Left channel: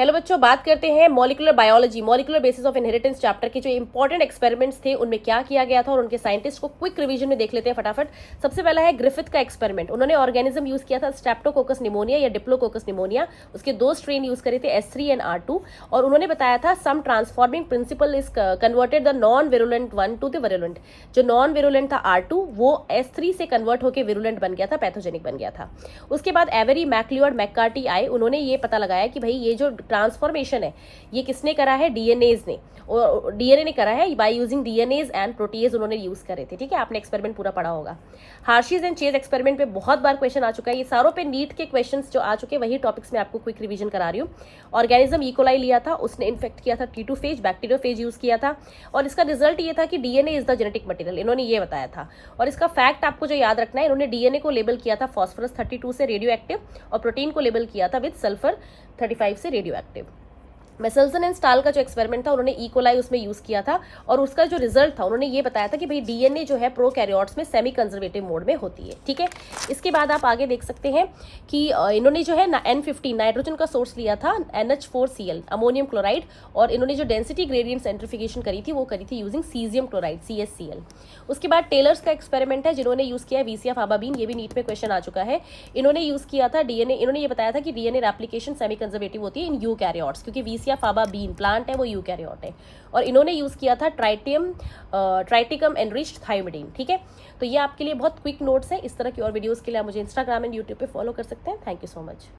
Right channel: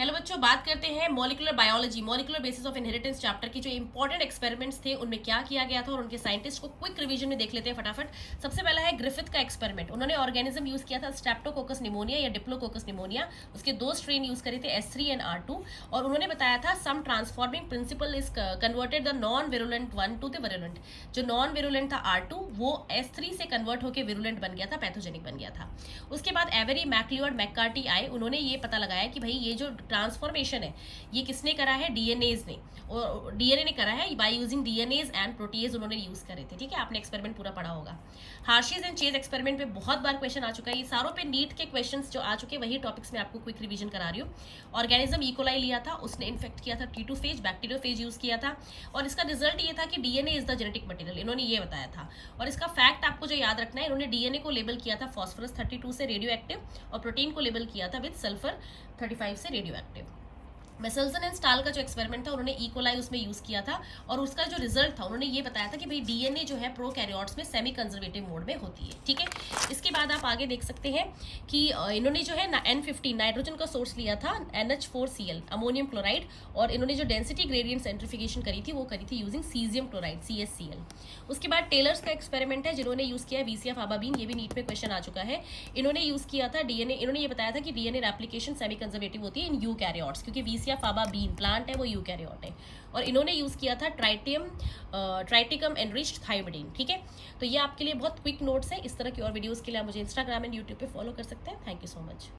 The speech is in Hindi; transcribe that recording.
हेलो बच्चों, बात करते हैं molecular biology, molecular basis of inheritance chapter के जो इंपॉर्टेंट एक्सपेरिमेंट्स थे उनमें क्या किया गया था और उनके साइंटिस्ट को क्विक रिवीजन में देख लेते हैं फटाफट। सबसे पहला है ग्रिफिथ का एक्सपेरिमेंट। उन्होंने ऑर्गेनिज्म यूज किया था स्ट्रेप्टोकोकस निमोनिया या डिप्लोकोकस निमोनिया। उसके दो स्ट्रेन यूज करे थे S3 एंड R2 और उन्होंने बताया था some transforming principle is converted the non virulent one to the virulent. जो नॉन विरुलेंट था R2 वो S3 से कन्वर्ट होकर विरुलेंट बन गया था, पैथोजेनिक बन गया था। उसके बाद एवरी मैक्लियोड मैककार्टी आए, उन्होंने ये पता लगाया कि भाई ये जो ट्रांसफॉर्मेशन है ये किसने करा है, डीएनएज ने, और डीएनए ने करा है by using DNAs and protease उन्होंने यूज करे थे। ठीक है, आपने एक्सपेरिमेंट पूरा पढ़ा होगा। हार्शीज एंड चेज एक्सपेरिमेंट पे बहुत बार क्वेश्चन आ चुका है, ये सारों पे नीट के क्वेश्चंस जो आ चुके हैं वही टॉपिक्स में आपको क्विक रिवीजन करा रही हूँ। ऑर्गेनिज्म इकोलाई लिया था, उसने इन्फेक्ट किया था T2 फेज, बैक्टीरियोफेज यूज किया था और इसका रिजल्ट ये था कि DNA is the genetic material, इन्होंने ये बताया था। और इसका फैक्ट आपको जो याद रखना है, इन्होंने डीएनए को लेबल किया था फॉस्फोरस 32 से रेडियो एक्टिव और प्रोटीन को लेबल किया था विद सल्फर 35 से radio active. Meselson and stall का जो एक्सपेरिमेंट था उन्होंने इकोलाई उसमें यूज किया था और उसका जो रिजल्ट था उन्होंने ये बताया था कि भाई डीएनए जो है प्रोकैरियोट्स में सेमी कंजर्वेटिव मोड में होती है। ठीक है, इसके बाद आप आगे देख सकते हैं कि इन्होंने जो है ना N15 नाइट्रोजन का सोर्स लिया था, NH4Cl अमोनियम क्लोराइड, और इन्होंने जो डेंसिटी ग्रेडियंट सेंट्रिफिकेशन करी थी वो करी थी यूजिंग सीजियम क्लोराइड CaCl। उसके बाद टेलर्स का एक्सपेरिमेंट है जिन्होंने यूज किया VCF आबाबीन, ये भी नीट में क्वेश्चन आ चुका है। इन्होंने यूज किया था डीएनए, इन्होंने ये बताया था कि डीएनए रेप्लिकेशन सेमी कंजर्वेटिव होती है इन यूकैरियोट्स, क्योंकि VCF आबाबीन प्लांट है वो यूकैरियोट है। और इन्होंने यूज किया था ट्राइटिकम एनरिच्ड थायोमिडीन। ठीक है, तो ये आपके लिए बहुत क्विक नोट्स है। इस तरह की और वीडियोस के लिए आप मुझे इंस्टाग्राम एंड यूट्यूब पे फॉलो कर सकते हैं। Thank you so much.